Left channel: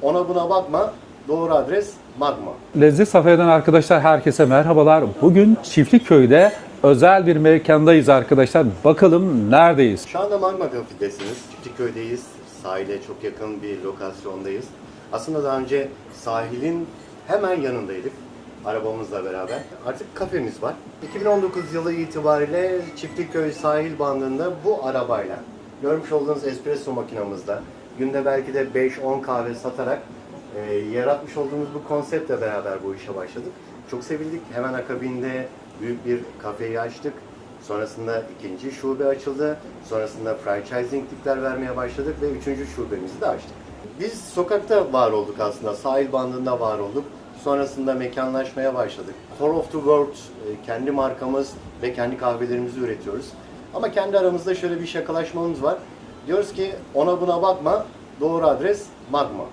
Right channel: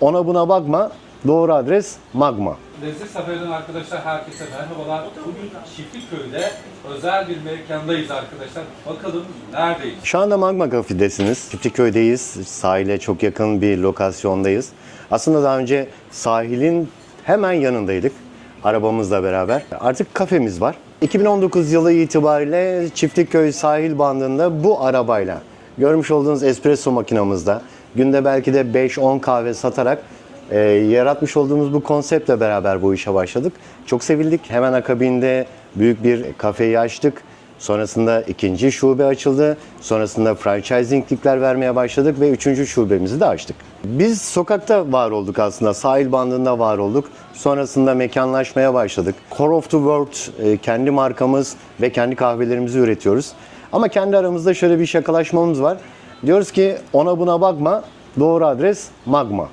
Ona buna bakma. Doğru adres Magma. Lezzet Safari'den arkadaşlar herkese merhabalar. Bugün Çiftlikköy'de özel bir mekandayız arkadaşlar. Bakalım neredeyiz? Şu anda Magma Cafe'desiniz. Çiftliköy'deyiz. Sahile çok yakın bir lokasyondayız. Aslında daha önce sahilin hemen yanındaydık. Arabamızla beraber. Artık kafemiz var. 2019 yılı itibariyle Çiftlikköy sahil bandında bu arabayla görmüş olduğunuz espresso makinamızda günde belki de 5-10 kahve satarak e, yaratmış olduğumuz bu konseptle beraber bu işe başladık. Çok sevildik. Hemen akabinde büyük bir kafeyi açtık. Sonrasında ikinci şube açıldı. Sonrasında franchisinglikler vermeye başladık ve üçüncü şubemizi de açtık. Biz sokakta var olduk aslında. Sahil bandında var olduk. Sonrasında mekanlaşmaya başladık. Core of the World e, kendi markamız ve kendi kahvelerimizi üretiyoruz. Ama kendi aramızda şöyle bir şakalaşmamız var. Diyoruz ki ona buna bakma. Doğru adres Magma.